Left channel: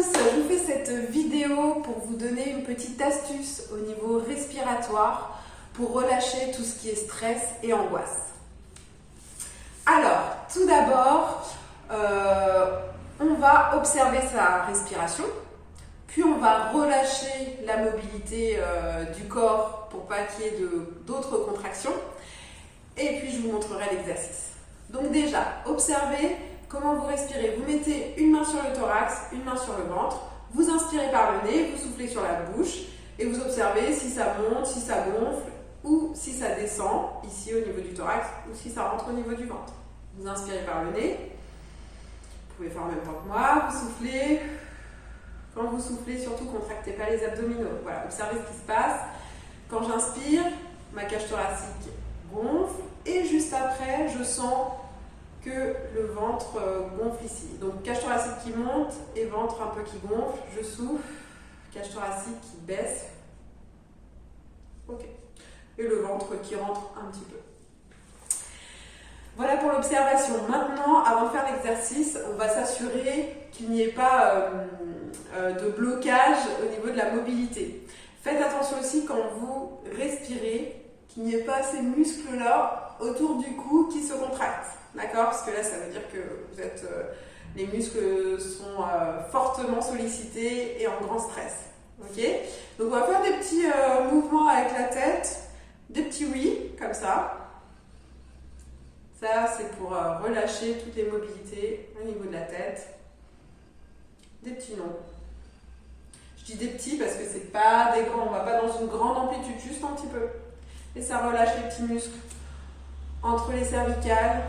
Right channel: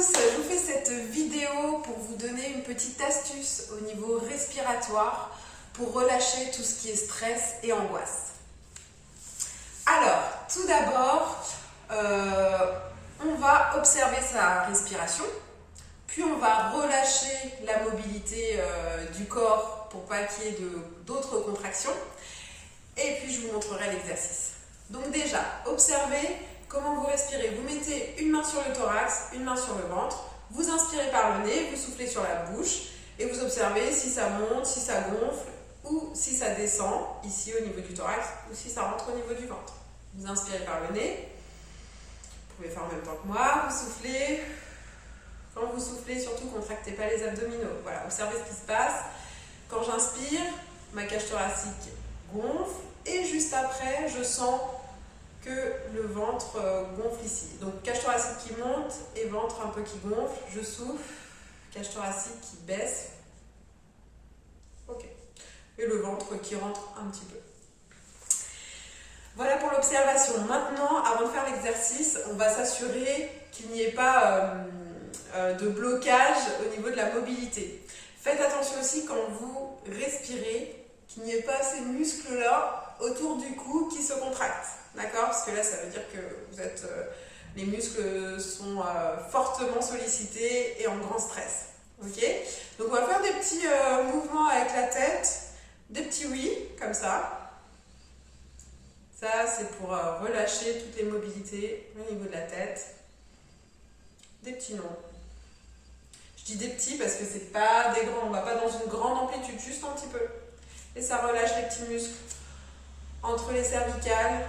tous, je vous fais cette vidéo pour vous donner une petite astuce au niveau respiratoire pour relâcher tout ce qui est stress et angoisse. Alors, tout d'abord, on va observer sa respiration, puis on va relâcher la mobilité du corps pour pas qu'il y ait d'autres contractions, et puis je vous montrerai l'exercice. Donc déjà, observez comment vous respirez. Vous mettez une main sur le thorax, une main sur le ventre, vous inspirez par le nez, vous soufflez sur la bouche et vous observez si ça monte, si ça gonfle ou si ça descend ici au niveau du thorax ou si ça rentre au niveau du ventre. Vous inspirez par le nez, vous pouvez faire en même temps que moi, vous soufflez. Quand vous soufflez, surtout contractez pas les abdominaux. Voilà, observez ce qui se passe. Quand j'inspire, ma cage thoracique gonfle et juste après, je sens que le ventre gonfle ici. Donc cage thoracique qui monte et ventre un peu qui gonfle. Je souffle, cage thoracique qui baisse. Ok. Et le ventre qui rentre un petit peu. Voilà pour l'observation. Maintenant, avant de faire l'exercice, on va s'assurer qu'il n'y ait pas de blocage au niveau de la mobilité. Faites attention aussi quand vous respirez, qu'il n'y ait pas ces muscles-là autour du cou qui se contractent. D'accord? Parce que là, ça veut dire que les muscles sont fortement sollicités et en grand stress. Ok? Donc, on va faire des petits mouvements avec la tête, des petits oui, comme ça. Ça, c'est pour relâcher toutes les mobilités au niveau de la tête. Des petits non. Je dis des petits parce que c'est pas des grands. On va pas dans une grande amplitude, juste un petit peu. Et ça relâche les petits muscles entre les cervicales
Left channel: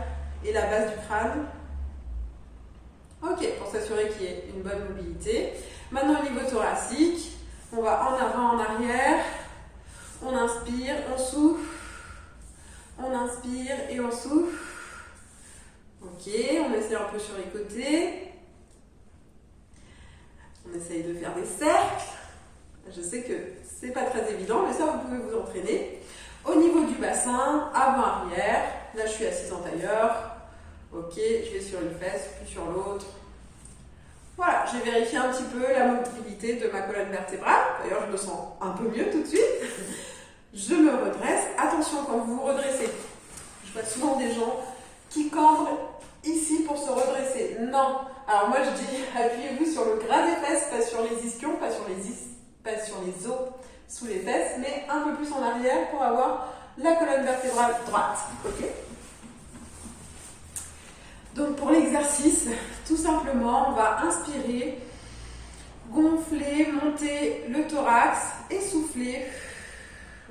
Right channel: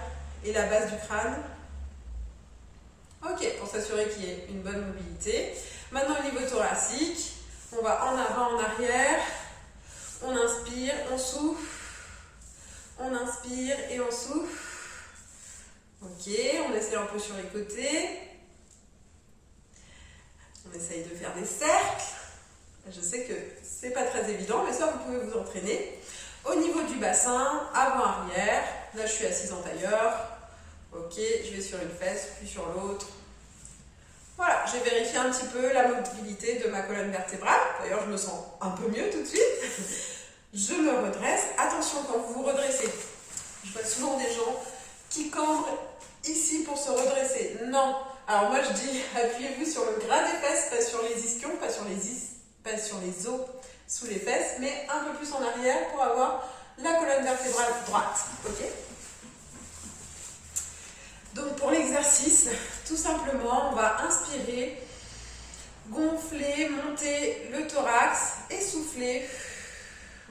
et la base du crâne. Ok, pour s'assurer qu'il y ait une bonne mobilité. Maintenant, au niveau thoracique, on va en avant, en arrière. On inspire, on souffle. On inspire et on souffle. Ok, on essaie un peu sur les côtés. On essaye de faire des cercles. Je sais que c'est pas très évident, mais ça, vous pouvez vous entraîner. Au niveau du bassin, avant-arrière. Là, je suis assise en tailleur. Ok, je vais sur une fesse, puis sur l'autre. Voilà, j'ai vérifié un petit peu la mobilité de ma colonne vertébrale. D'ailleurs, je me sens un peu mieux tout de suite. Je me redresse. Attention, quand vous vous redressez, je vois souvent des gens qui cambrent ici pour se redresser. Non. Alors moi, je dis, appuyez-vous sur le gras des fesses, pas sur les ischions, pas sur les os sous les fesses, mais un peu plus en arrière pour avoir la colonne vertébrale droite. Ok? Donc pour l'exercice, tout simplement, on va inspirer, gonfler, monter le thorax et souffler.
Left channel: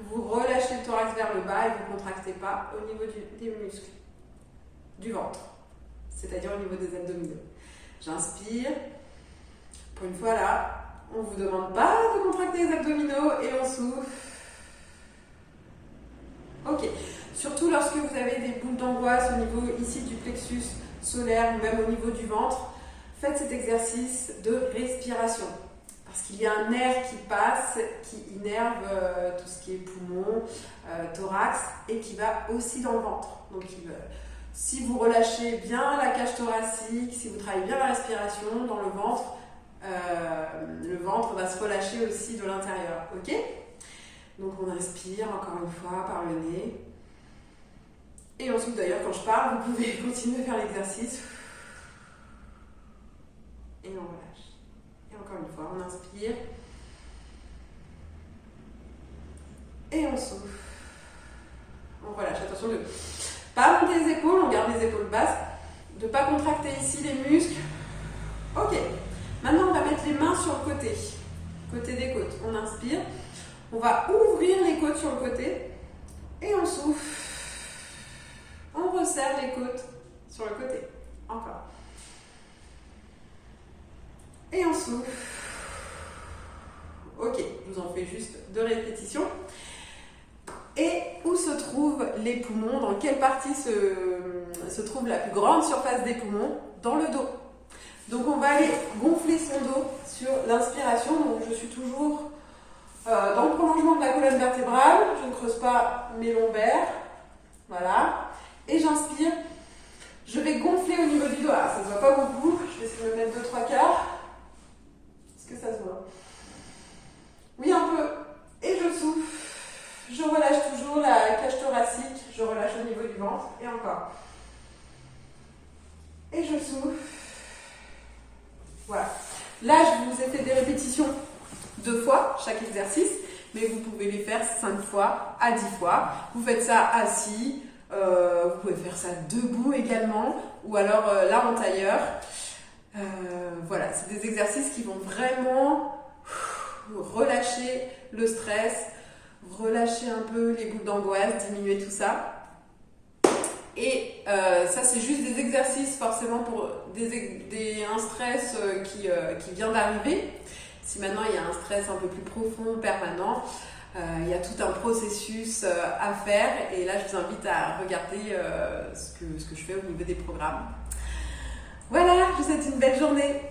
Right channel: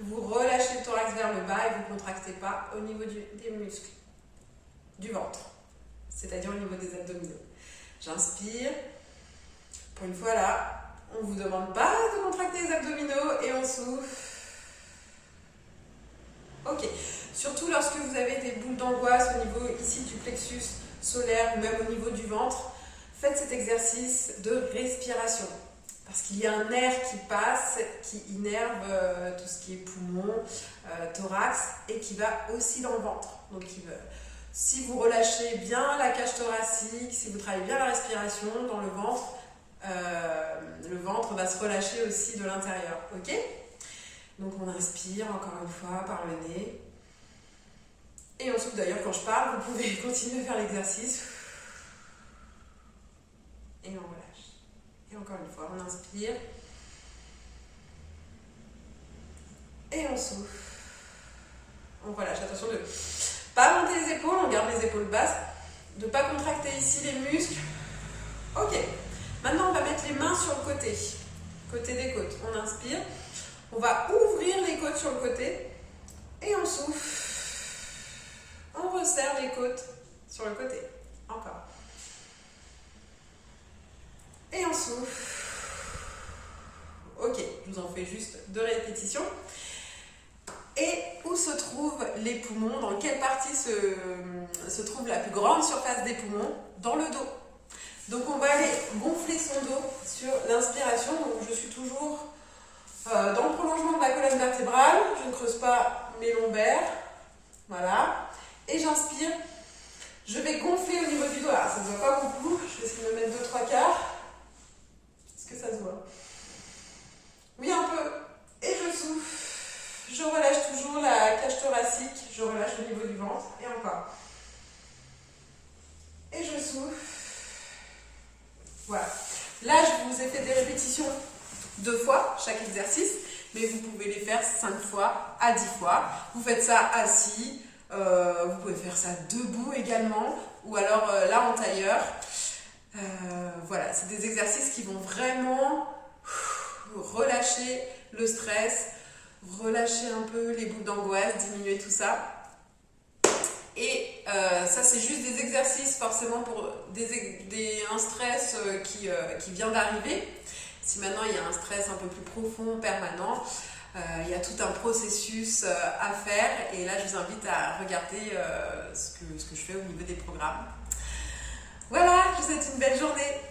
Vous relâchez le thorax vers le bas et vous ne contractez pas au niveau des muscles du ventre, c'est-à-dire au niveau des abdominaux. J'inspire. Pour une fois là, on ne vous demande pas de contracter les abdominaux et on souffle. Ok. Surtout lorsque vous avez des boules d'angoisse au niveau ici du plexus solaire ou même au niveau du ventre, faites cet exercice de respiration. Parce qu'il y a un nerf qui passe, qui innerve tout ce qui est poumon, thorax et qui va aussi dans le ventre. Donc si vous relâchez bien la cage thoracique, si vous travaillez bien la respiration dans le ventre va se relâcher aussi de l'intérieur. Ok? Donc on inspire encore une fois par le nez. Et on souffle. D'ailleurs, quand je parle, vous pouvez continuer à faire l'exercice. Et on relâche. Et encore une fois, on inspire. Et on souffle. On relâche. Attention de ne pas monter les épaules, on garde les épaules basses. De ne pas contracter ici les muscles. Ok. Maintenant, on va mettre les mains sur le côté. Côté des côtes. On inspire. On va ouvrir les côtes sur le côté. Et on souffle. On resserre les côtes sur le côté. Encore. Et on souffle. Ok, je vous en fais juste 2 répétitions. Et où se trouvent les poumons? Dans quelle partie se trouve la plus grande surface des poumons? Dans le dos. Donc on va aller gonfler son dos sur l'inspiration. Donc je suis toujours dans le prolongement de la colonne vertébrale. Je ne creuse pas mes lombaires. Voilà. Et j'inspire. Je vais gonfler au niveau du dos. Alors, ça ne se voit pas beaucoup. Je vais essayer de me mettre 2-3 quarts. Là, je vous ai fait des répétitions 2 fois chaque exercice, mais vous pouvez les faire 5 fois à 10 fois. Vous faites ça assis, vous pouvez faire ça debout également, ou alors là en tailleur. Voilà, c'est des exercices qui vont vraiment relâcher le stress, relâcher un peu les boules d'angoisse, diminuer tout ça. Et ça, c'est juste des exercices forcément pour un stress qui vient d'arriver. Si maintenant il y a un stress un peu plus profond, permanent, il y a tout un processus à faire. Et là, je vous invite à regarder ce que je fais au niveau des programmes. Voilà, je vous souhaite une belle journée.